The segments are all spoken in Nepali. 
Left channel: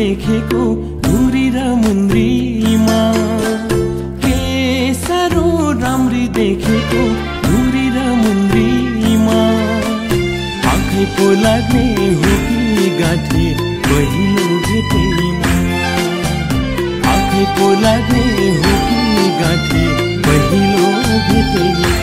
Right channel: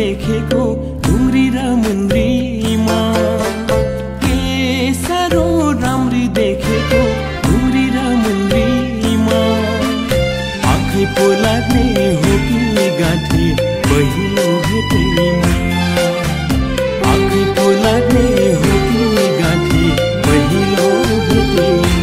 देखेको ढुङ्ग्री र मुन्द्रीमा। के साह्रो राम्री देखेको ढुङ्ग्री र मुन्द्रीमा। आँखै पो लाग्ने हो कि गाँठे पहिलो भेटैमा। आँखै पो लाग्ने हो कि गाँठे पहिलो भेटैमा।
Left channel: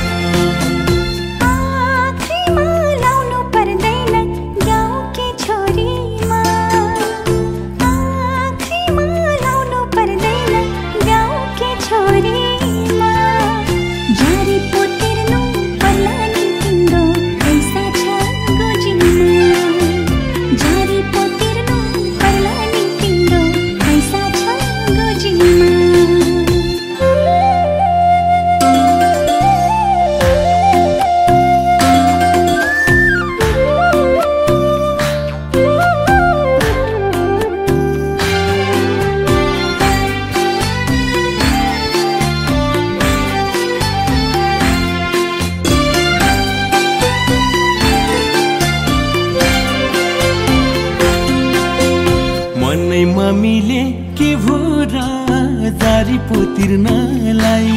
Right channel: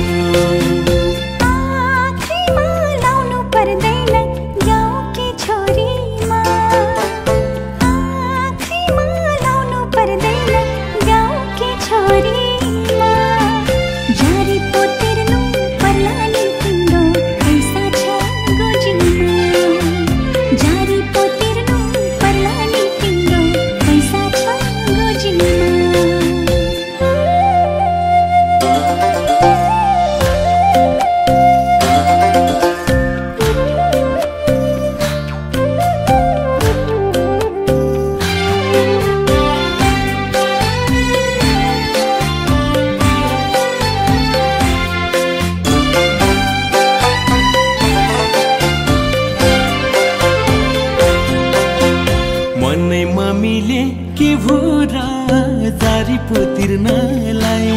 मनै मम्मीले के भो र जारी पो तिर्नलाई।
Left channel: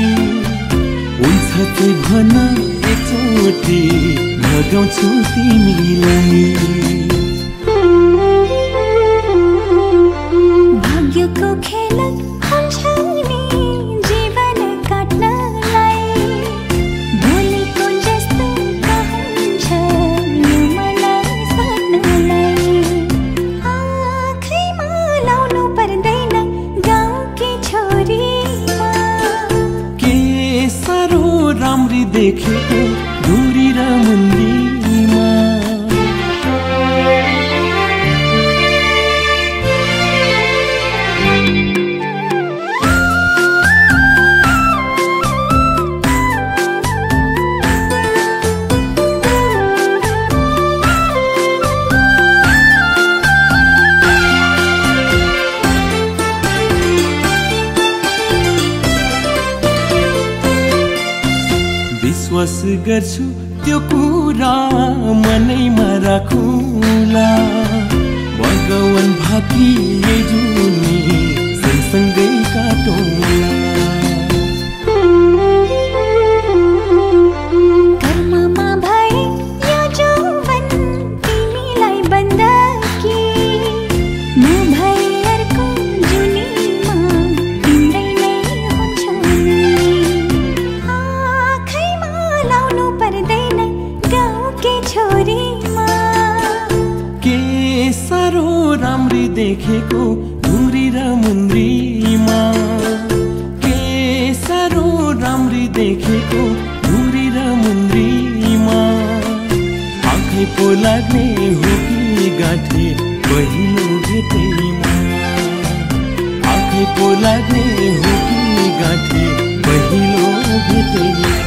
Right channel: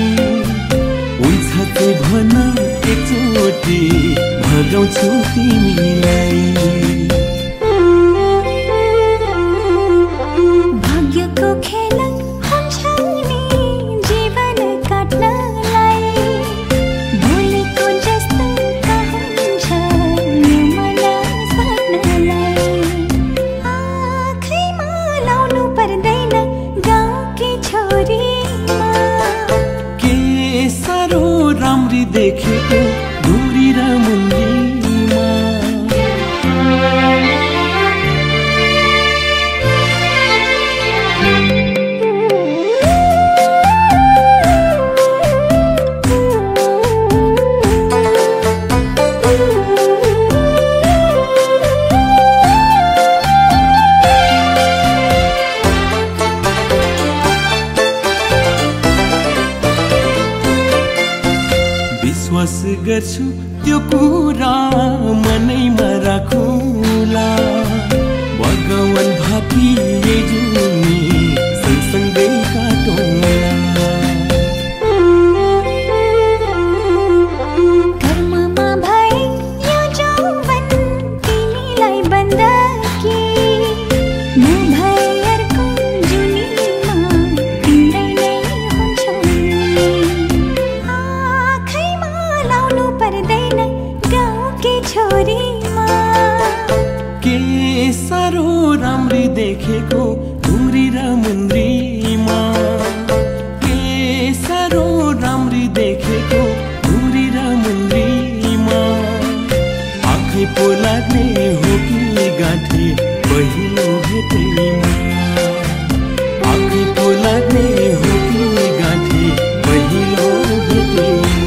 हुन्छ चाहिँ भन एकचोटि भगाउँछु तिमीलाई। भाग्यको खेल हुन्छ नि जीवन काट्नलाई। बोलेको जस्तो कहन्छ यो मन साट्नलाई। आँखैमा लाउनु पर्दैन गाउँकी छोरीमा। के साह्रो राम्री देखेको ढुङ्ग्री र मुन्द्रीमा। विश्वास गर्छु त्यो कुरा मनैमा राखुला। भगवान भाकी यही जुनी सँगसँगै काटौँला। कर्ममा भए यो जौवन तिमीलाई बन्दकी। नभए अर्को जुनीमा तिम्रै नै हुन्छौ नि। आँखैमा लाउनु पर्दैन गाउँकी छोरीमा। के साह्रो राम्री देखेको ढुङ्ग्री र मुन्द्रीमा। के साह्रो राम्री देखेको ढुङ्ग्री र मुन्द्रीमा। आँखै पो लाग्ने हो कि गाँठे पहिलो भेटैमा। आँखै पो लाग्ने हो कि गाँठे पहिलो भेटैमा।